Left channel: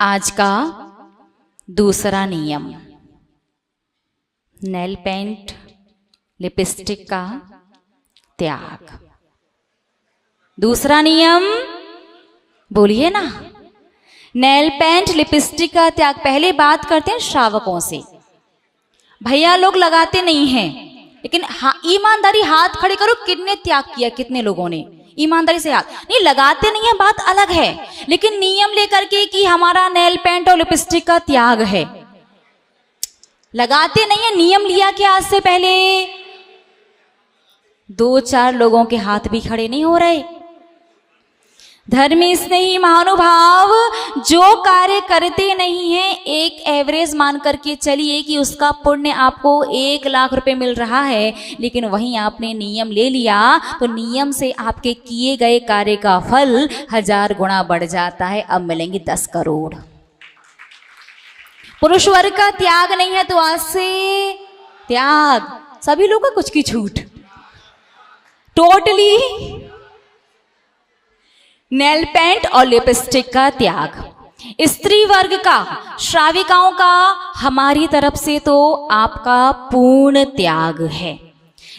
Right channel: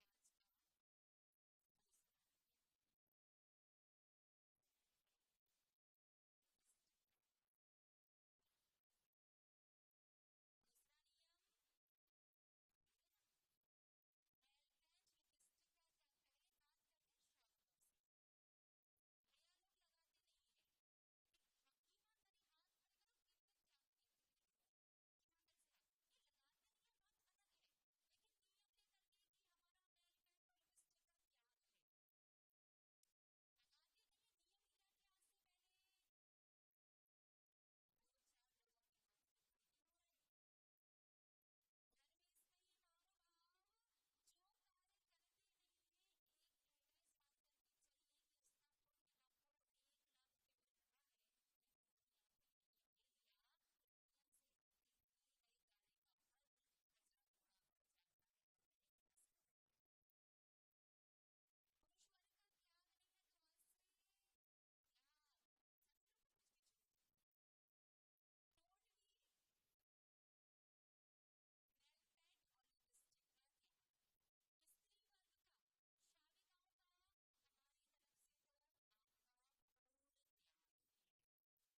आज का दूसरा नियम, नेल पेंट लिपस्टिक का त्याग। दूसरा नियम बोलिए ना, नेल पेंट लिपस्टिक का त्याग। पहले बात करते हैं श्रावकों से। भैया लोग लगाते नहीं हैं, लेकिन ईमानदारी हाथ खड़े करो, कितने त्याग किया, कितने लोगों ने ईमानदारी से हाथ नहीं लगाते नहीं है, बात अलग है। लेकिन नियम लेकर के कि हमारा नेल पेंट और लिपस्टिक का त्याग है, लगाते नहीं है। नियम लिया कि आज से पहले 2-4 लोगों के हाथ भी खड़े नहीं हो रहे। धर्मी स्नेही महानुभाव जो कार्य करते नहीं है, एक एवरेज मान करके चलिए कि उसका पुण्य आपको 1 लाख रुपए मिल रहा है, लेकिन वहीं आपने नियम ले लिया तो नियम से आपके किए गए कार्य का फल 1000 गुना बढ़ जाता है। अब मिलेंगे 10 करोड़। पुरुष वर्ग का त्याग नहीं है तो आज से त्याग। सभी लोगों का कुछ की छूट, टोटली नेल पेंट और लिपस्टिक का त्याग। स्त्री वर्ग का, श्राविकाओं का हमारी तरफ से तो आपका पूर्ण त्याग है,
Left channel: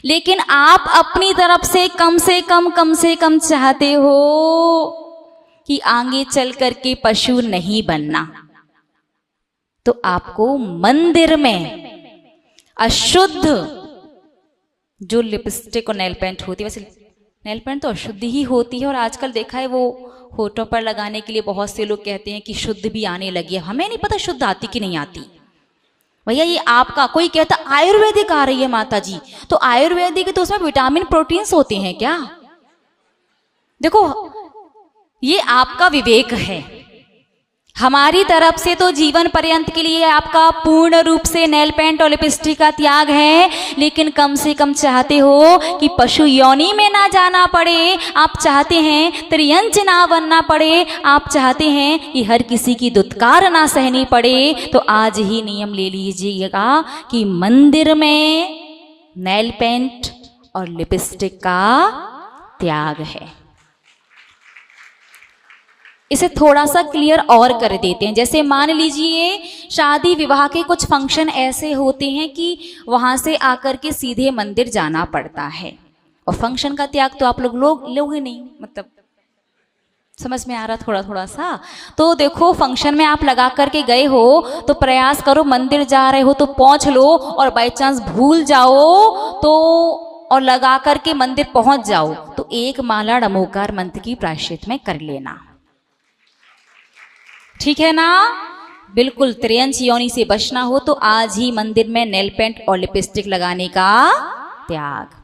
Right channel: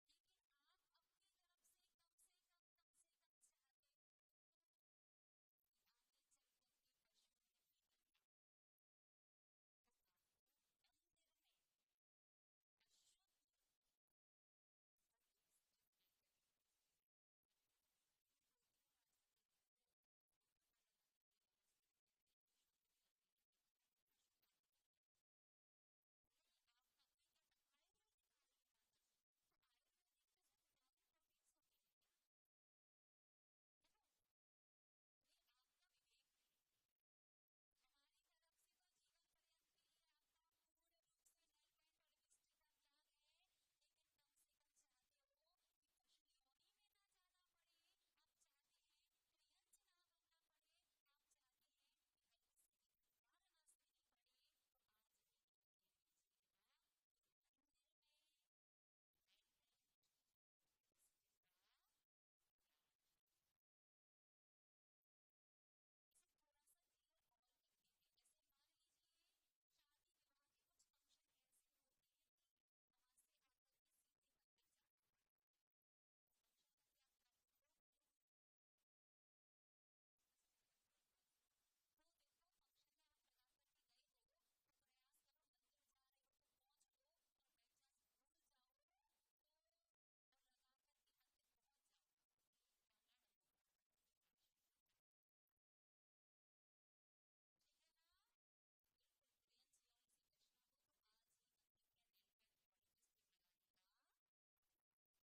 लेकिन आप अपनी तरफ से कम से कम चाहते हो कि आगे चल करके पशु नहीं बनना, तो आपको मंदिर में अशुद्ध जो लिपस्टिक और नेल पेंट होती है, वैसे नेल पेंट तो अशुद्ध ही होती है, और आजकल देखा है वो होठों पर लगाने के लिए बहुत से लोग कहते हैं कि शुद्ध भी आने लगी है। हमें नहीं पता शुद्ध आती कि नहीं आती। भैया ये आपका, कोई कहता आयुर्वेदिक आ रही है माता जी, तो आयुर्वेदिक तो उसमें विटामिन प्रोटीन्स होते हैं क्या? देखो ये आपका विवेक है। हमारी तरफ से तो जीवन पर्यंत के लिए आपका पूर्ण रूप से नेल पेंट और लिपस्टिक का त्याग है, लेकिन कम से कम चाहते हो कि पशु योनि में ना जाना पड़े, आप चाहते हैं त्रियंच ना बनना पड़े, आप चाहते हैं कि हर किसी की दुत्कार ना सहनी पड़े। तो आज ही नियम ले लीजिएगा कि मंदिर में नेल पेंट और लिपस्टिक का त्याग है। इसे थोड़ा सा क्लियर और कर देते हैं। जैसे मान लीजिए शादी विवाह के कुछ फंक्शन ऐसे होते हैं कि वहां से आकर के सीधे मंदिर जाना पड़ता है, और फंक्शन का त्याग तो आप लोग ही नहीं, मतलब समझ में आ रहा थोड़ा थोड़ा सा। तो देखो फंक्शन में आप लगा करके गए हो तो प्रयास करो, मंदिर जा रहे हो तो पहुंच लो, और बाई चांस भूल जाओ तो और लगा करके मंदिर पहुंच जाओ तो 1 माला डमोकार मंत्र की प्रायश्चित में कर लेना, ठीक है ना? बिल्कुल त्रियंच योनि से बचना हो तो आज ही मंदिर में नेल पेंट और लिपस्टिक लगाने का त्याग।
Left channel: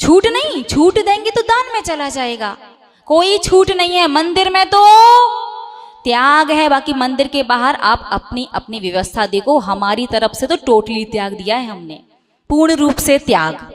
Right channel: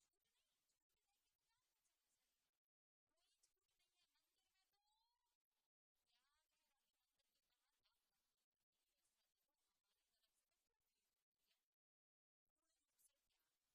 छूट नहीं, छूट देंगे तो दान में चला जाएगा, कोई छूट नहीं है। मंदिर में तो त्याग है, बाकी मंदिर के बाहर आप अपनी अपनी व्यवस्था देखो। हमारी तरफ से तो टोटली त्याग दिया है हमने, पूर्ण रूप से त्याग।